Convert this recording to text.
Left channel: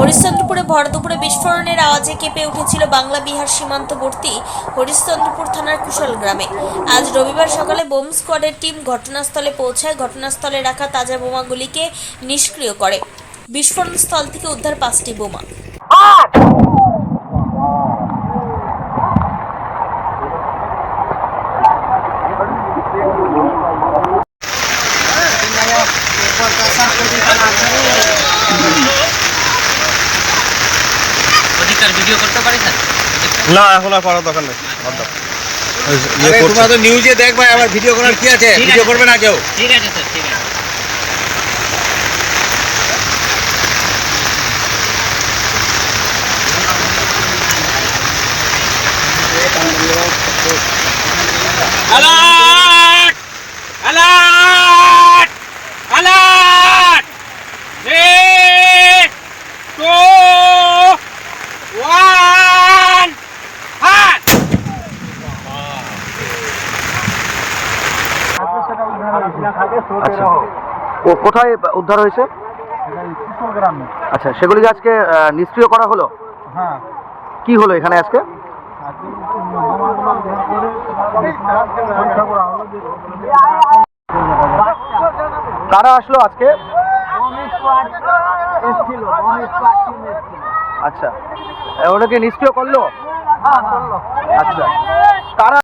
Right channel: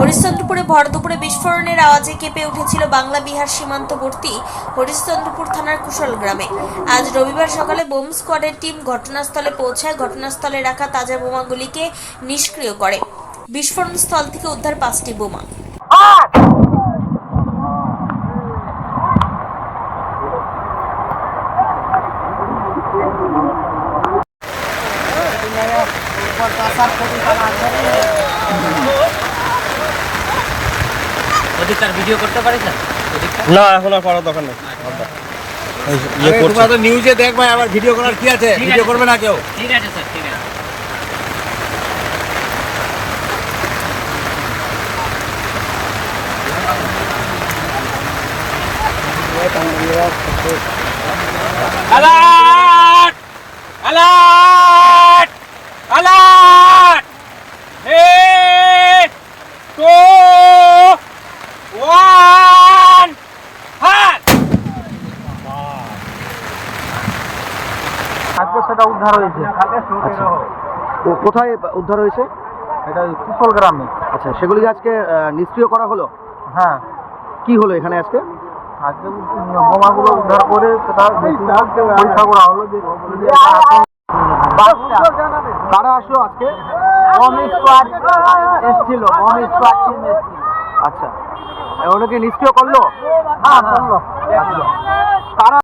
হরিশ্চন্দ্রপুরে ভর দুপুরে বিস্ফোরণের আওয়াজে কেঁপে উঠেছিল বাংলা বিহার সীমান্তবর্তী হরিশ্চন্দ্রপুর থানার কুশল গ্রামে। আজ রবিবার সকালে বোম স্কোয়াডের টিম ঘটনাস্থলে পৌঁছায়, ঘটনাস্থলে রাখা তাজা বোমাগুলিকে নিষ্ক্রিয় করে। বিস্ফোরণ স্থল থেকে উদ্ধার পাঁচটি বোমা। ওদিককার ভিডিও করতে পারি স্যার? না এখন আর করার দরকার নেই। ইয়ে করছে। তো নিউজে দেখবে আবার ভিডিও করার কি আছে? ভিডিও করবে না কেউ? ঠিক আছে স্যার ঠিক আছে। অ্যালার্ট সেটা উদ্ধার হয়েছে। আচ্ছা। ও কোথায় উদ্ধার হয়েছে? এটা কুশল গ্রামে। আচ্ছা সেগুলিকে আজকে নিষ্ক্রিয় করা হলো? হ্যাঁ। কি হলো এখানে আজকে? আজকে বোমাগুলো উদ্ধার করে সেটা পরীক্ষা করা হলো যে আসলো আজকে? এসছিল আচ্ছা। ওটাকে নিষ্ক্রিয় করল? হ্যাঁ করল। আচ্ছা। কারা